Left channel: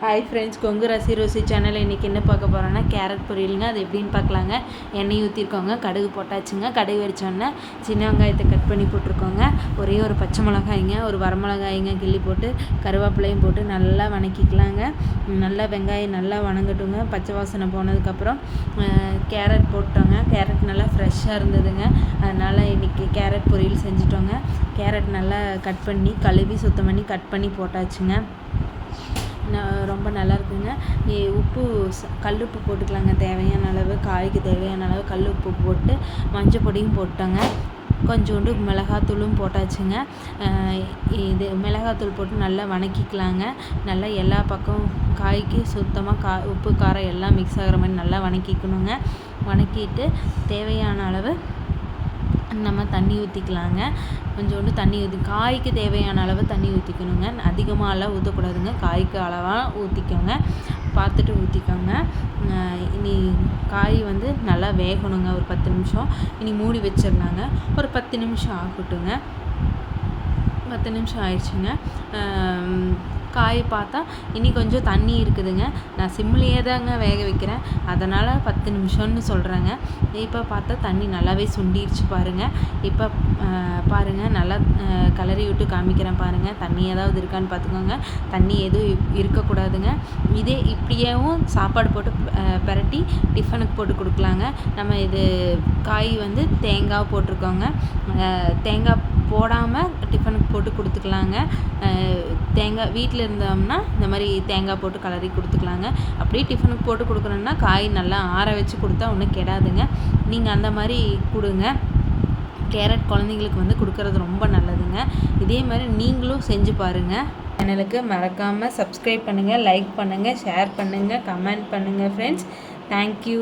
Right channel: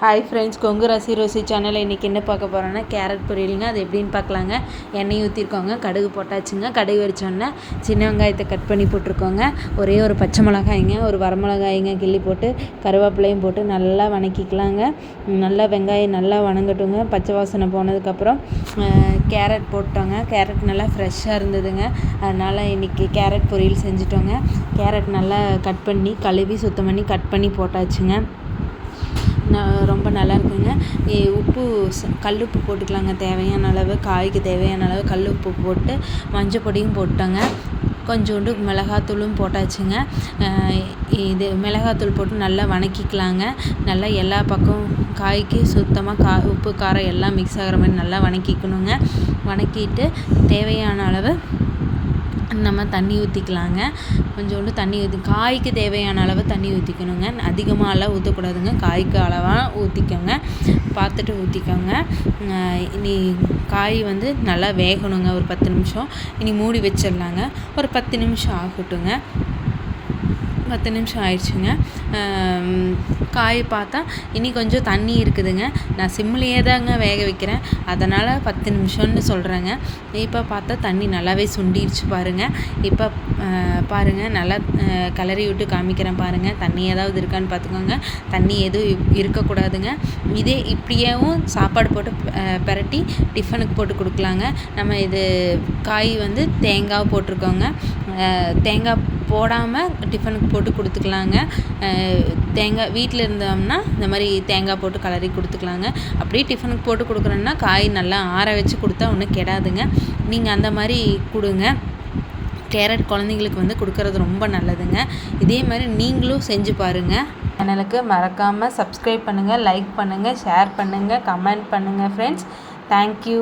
Hi friends Kongu ரசி Rousey சேனலில் இன்றைக்கி என்ன பார்க்க போகிறோன்னா கேரட் பொரியலுங்க. அது எப்படின்னு பார்க்கலாங்க. எண்ணெய் ஊற்றிருக்கோங்க கடுகு போட்டாச்சுங்க. கடுகு வரிச்சோன்னே சின்ன வெங்காயத்தை கட் பண்ணி போட்டிருக்கோங்க. ஒரே ஒரு பச்சை மிளகாய்ங்க ஒரு வரமிளகாய்ங்க கிள்ளி போட்டு கருவேப்பிலையும் போட்டு நல்லா வணக்கிக்கலாங்க. நல்லா வெங்காயம் நல்லா வணங்கட்டுங்க. பச்சை வாசனை போனதுக்கப்புறம் கேரட் போட்டோங்க. கேரட் நல்லா ஃப்ரெஷ்ஷாக இருந்ததுங்க. அதனால் இன்றைக்கி கேரட் பொரியல் செஞ்சுட்டோங்க. கேரட் நல்லா கட் பண்ணி கழுவி சுத்தம் பண்ணி கட் பண்ணி போட்டாச்சுங்க. ரொம்ப நல்லா இருக்குங்க உப்பு கல் உப்பு போட்டுக்கலாங்க. தேவையான அளவு காய்க்கு தேவையான அளவு கல் உப்பு போட்டு மஞ்சள் பொடியும் போட்டோங்க. கொஞ்சோண்டு மிளகாத்தூளும் போட்டாச்சுங்க. இது மிளகாத்தூள் போட்டு நல்லா வணக்கிக்கலாங்க. நல்லா எல்லா பக்கம் காய்க்கு சுத்தமாக கா உப்பு காரம் எல்லாம் மிக்ஸ் ஆகிற மாதிரி நல்லா வணக்கிக்கணுங்க. வணக்கிட்டு தேவையான அளவு நம்ம தண்ணி ஊற்றிக்கலாங்க கொஞ்சோண்டு தண்ணி ஊற்றி காய்க்கு தேவையான அளவு தண்ணி ஊற்றிக்கணுங்க அதிகமாக அளவு ஊற்றக்கூடாதுங்க காய்க்கு அளவாக ஊற்றிக்கோங்க பார்த்துட்டு ஊற்றிக்கோங்க இனி காய் வந்து நல்லா வேகணுங்க. ஒரு பத்து நிமிஷம். இனி மூடி வச்சிடலாங்க. ஒரு பத்து நிமிஷம் ஆகட்டுங்க. பத்து நிமிஷம் ஆயிடுச்சுங்க. காய் பார்த்தா இனி கொஞ்சம் தண்ணி இருக்குதுங்க. நான் சிம்லேயே தாங்க வேக வைக்கிறேன். அதனால் பத்து நிமிஷம்னு சொல்கிறேங்க இப்போ பார்த்தா தண்ணி நல்லாவே சுண்டிடுச்சு பாருங்கள் இப்போ பாருங்கள் நல்லா கலரி விட்டு காமிக்கிறேன் பாருங்கள் தண்ணி ஏதாவது இருக்கான்னு பார்த்துக்கோங்க. தண்ணி எதுவும் இருக்கக்கூடாதுங்க. இதே இப்படியேவும் சாப்பாடு போட்டு பரட்டி டிஃபனுக்கு போட்டு கொடுக்கலாங்க. நம்ம இது காய் வந்து தேங்காய் போட்டிருக்கோங்க. தேங்காய் போடாமல் டிஃபனுக்கு போட்டு கொடுத்துக்கலாங்க. தேங்காய் வீட்டில் இருந்தோம்னா இந்த மாதிரி தேங்காய் போட்டு கலரி கொடுத்துக்கலாங்க. அப்படியே டிஃபனுக்கு போட்டு கொடுக்குறோன்னா காய் நல்லா ஆற வச்சு கொடுத்தா ஒன்றும் கெடாதுங்க. நீங்கள் அந்த மாதிரி கொடுங்க. கேரட் குழந்தைங்களுக்கு வந்து கொடுக்கறது ரொம்ப நல்லதுங்க. இதே மாதிரி நீங்களும் செஞ்சு பாருங்கள் சேனலுக்கு மறக்காமல் சப்ஸ்கிரைப் பண்ணுங்கள் லைக் பண்ணுங்கள் ஷேர் பண்ணுங்கள் கமெண்ட் பண்ணுங்கள் ஃப்ரெண்ட்ஸ் தேங்க்யூ